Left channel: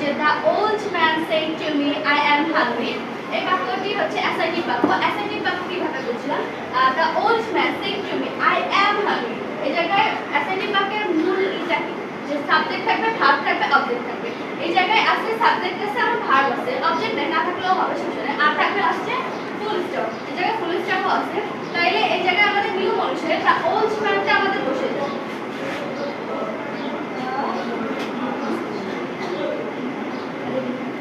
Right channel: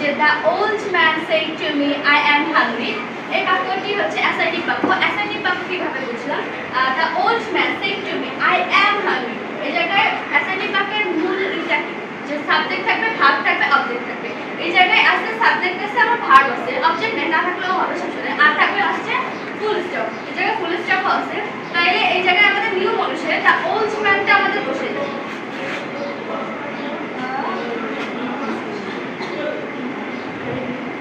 যে the old man said to me I am hungry. এই বাক্যটি হচ্ছে অ্যাসার্টিভ বাক্য। অ্যাসার্টিভ বাক্য কিভাবে বুঝলাম? The old man said to me I am hungry. এই জায়গায় অ্যাসার্টিভ বাক্যের মূল যে সাবজেক্ট থাকবে, ভার্ব থাকবে, অবজেক্ট থাকবে। এই জায়গায় আসছে সাবজেক্ট আছে এবং ভার্ব আছে, অবজেক্ট না থাকলেও হবে সমস্যা। আর থাকবে আসছে ফুল স্টপ। এই জায়গায় ফুল স্টপও আছে। তাইলে এই জায়গায় আমাদের নিয়ম অনুসারে দ্য ওল্ড ম্যানটা আমাদের বসে যাবে।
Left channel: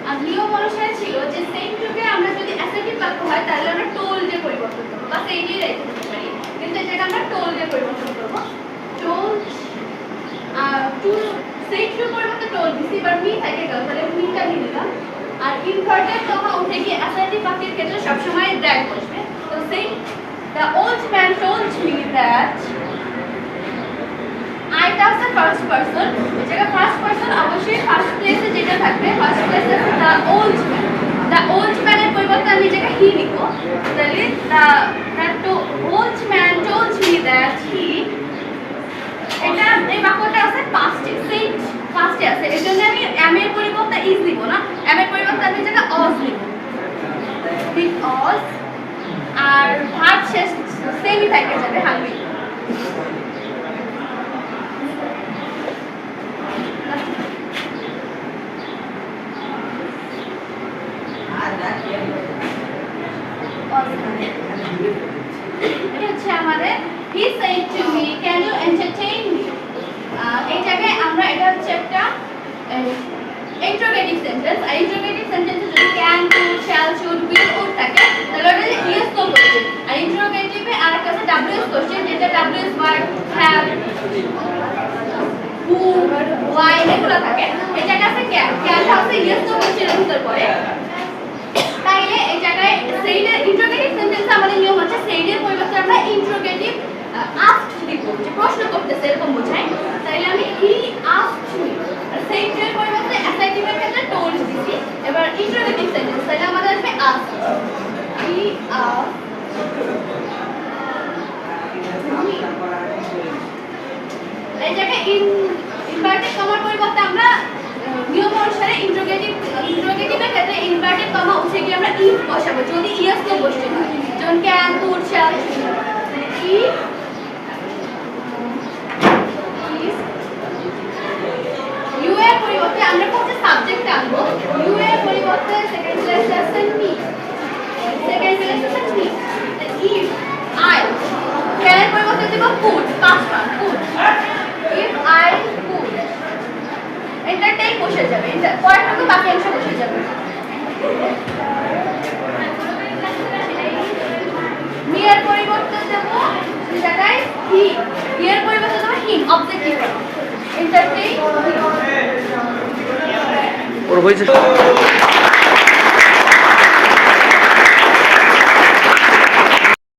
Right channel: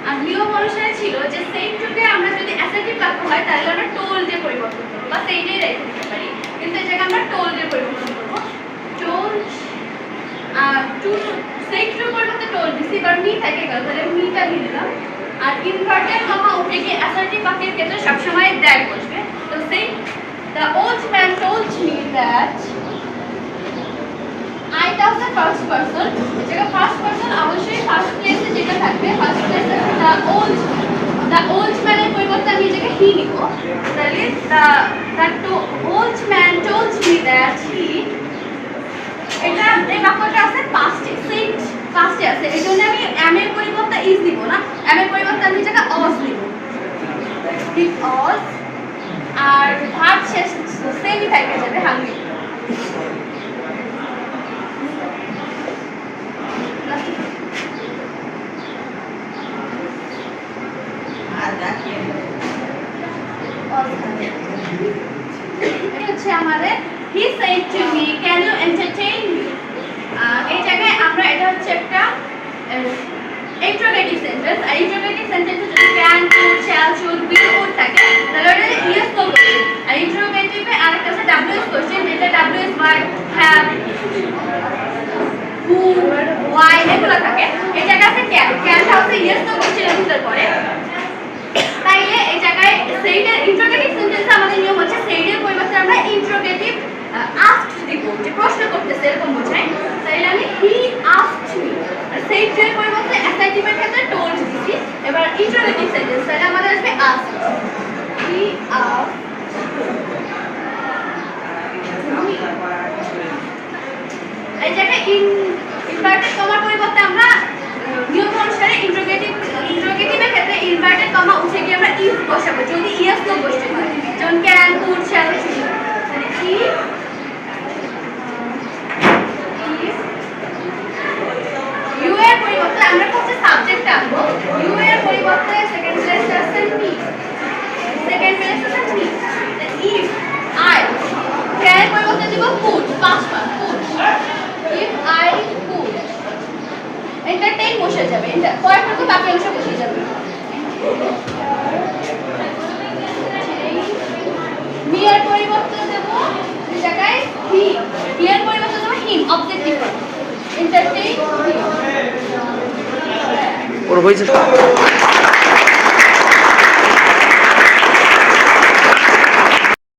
আর নিয়ম অনুসারে ছিল যে সেম টুকে আমরা যদি অ্যাসার্টিভ বাক্য হয় তাহলে আমরা টোল্ড এ পরিবর্তন করব বা সেইটাই রেখে দিতে পারি, কিন্তু এই জায়গায় আমরা টোল্ড এ পরিবর্তন করব। টোল্ড টু সেট টু পরিবর্তে টোল্ড দিছি, এবার মি থেকে গেল, তাহলে মিটা নিয়ে দিলাম। আর ইনভার্টেড কমা উঠে গিয়ে অ্যাসার্টিভ বাক্যের ক্ষেত্রে সবসময় দ্যাট বসবে। তো সেই the old man told me that আইটা হচ্ছে ফার্স্ট পারসন। এই জায়গায় ফার্স্ট পারসন অবশ্যই ফার্স্ট প্লেসে যেটা থাকবে, ফার্স্ট প্লেসে the old man. The old ম্যানের পরিবর্তে আমি এই জায়গায় হি নিব। তাহলে the old man told me that he, এটা এই বাক্যটা আছে পাস্টে, সেই পাস্টে আছে। এই জন্য আমি এম এর পরিবর্তে ইজ নিব না, এম এর পরিবর্তে আমি এই জায়গায় অজ নিব, বিকজ। আর ভার্ব শেষ সেমই থেকে যাবে, হাংরি। এটা হচ্ছে আমাদের he said to me can you entertain me। এই জায়গায় আমরা এটা হচ্ছে একটা ইন্টারোগেটিভ সেন্টেন্স। আর ইন্টারোগেটিভ সেন্টেন্সে যদি can could shall should will would থাকে তাহলে ওটা yes no কোশ্চেন। আর ইন্টারোগেটিভে আরেকটা আছে ws কোশ্চেন, যেটা ws verb have who why এগুলো থাকে। এই জায়গায় আছে can, can হচ্ছে yes no কোশ্চেনের ভিতর পড়ে। তাইলে এই জায়গায় সেইডের ইন্টারোগেটিভ সেন্টেন্সে আমাদের নিয়ম হচ্ছে সেইডের পরিবর্তে আমরা ইন্টারোগেটিভ আস্কড দিব, যে প্রশ্ন করতেছে এরকম বোঝায়। তাইলে আমি হি আস্কড মি। সেইডের পরিবর্তে অ্যাসার্টিভের ক্ষেত্রে টোল্ড দিছি। এবার ইন্টারোগেটিভ সেন্টেন্স তাহলে আমাদের আসবে আস্কড। He asked. এই জায়গায় ইনভার্টেড কমার পরিবর্তে আমরা নিয়ম অনুসারে ইন্টারোগেটিভের ক্ষেত্রে ইনভার্টেড কমা উঠে গিয়ে আমরা ইফ বসাবো যদি ইয়েস নো বসতে হয়, যেমন can could shall should. You এর পরিবর্তে আমরা কোথায় সাবজেক্ট আনবো, ইউ এর পরিবর্তে সেকেন্ড প্লেসে আছে মি, সেকেন্ড প্লেসে আছে মি। ইফ আই, ক্যান এর পরিবর্তে দেব could, past form could. If I could, entertain বসে যাবে, পরেরটুকু বাকি অংশ বসে যাবে। মি এর পরিবর্তে দেব এই জায়গায় হি, হি এর পরিবর্তে দেব হিম, অবজেক্টিভ ফর্ম। এন্টারটেইন ওর হয়েছে।